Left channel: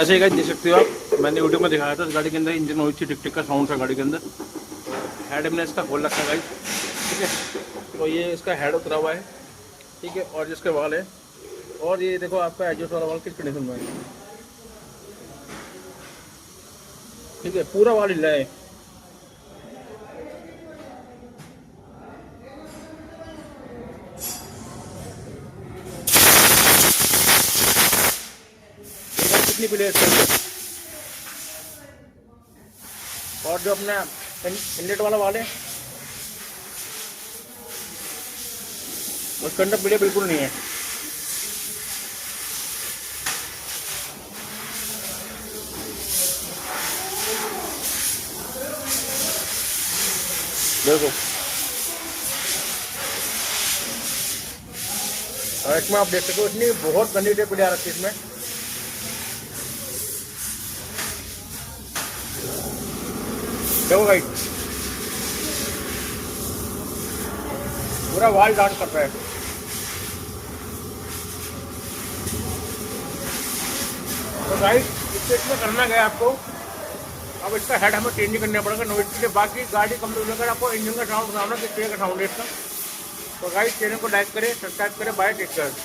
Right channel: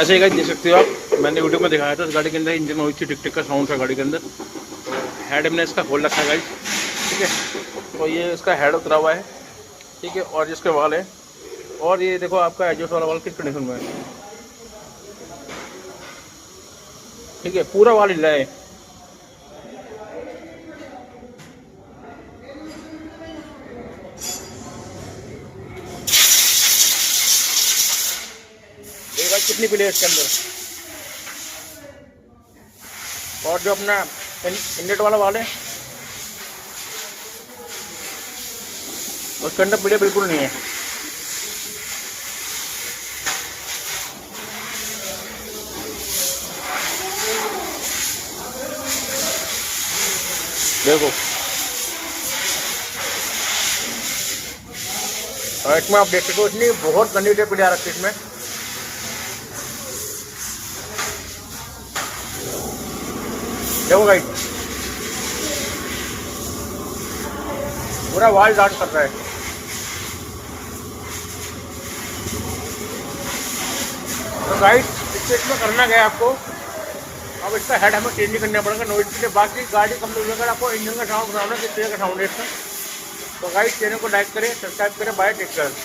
ऐसे ही गाइस देख सकते हो आप, मैंने वीडियो में दिखाया था इस गाड़ी के अंदर इंजन में हुई थी टिक टिक का साउंड था गाड़ी के अंदर। तो हेड हमने इसका खोल रखा है गाइस, ठीक है। तो ये इसका हेड उतरा हुआ है, ठीक है। और जिसके वाल है, और ये देखो आपका एग्जॉस्ट वाला वाल किस कंडीशन में है, ठीक है। पूरा वाल हिला है। ये गाड़ी कितनी प्लेट इसके अंदर, और जो अपना इनलेट वाला वाल है उसके अंदर प्लेट बिल्कुल नहीं है। देखो, और इसमें आप देख सकते हो इतनी बहुत गंदी टेप प्लेट आ रखी है इसमें। देखो गाइस, पूरा वाल डांस कर रहा है। तो गाइस इसमें करना क्या है आपको, अब इसका हेड हमें चेंज नहीं करना पड़ेगा, नो इसके बाकी गाड़ी कंप्लीट अगर आपको इंजन का साउंड सुनाना किस तरह का साउंड है इसका। तो गाइस चैनल को लाइक करें, सब्सक्राइब करें, बाय, टेक केयर।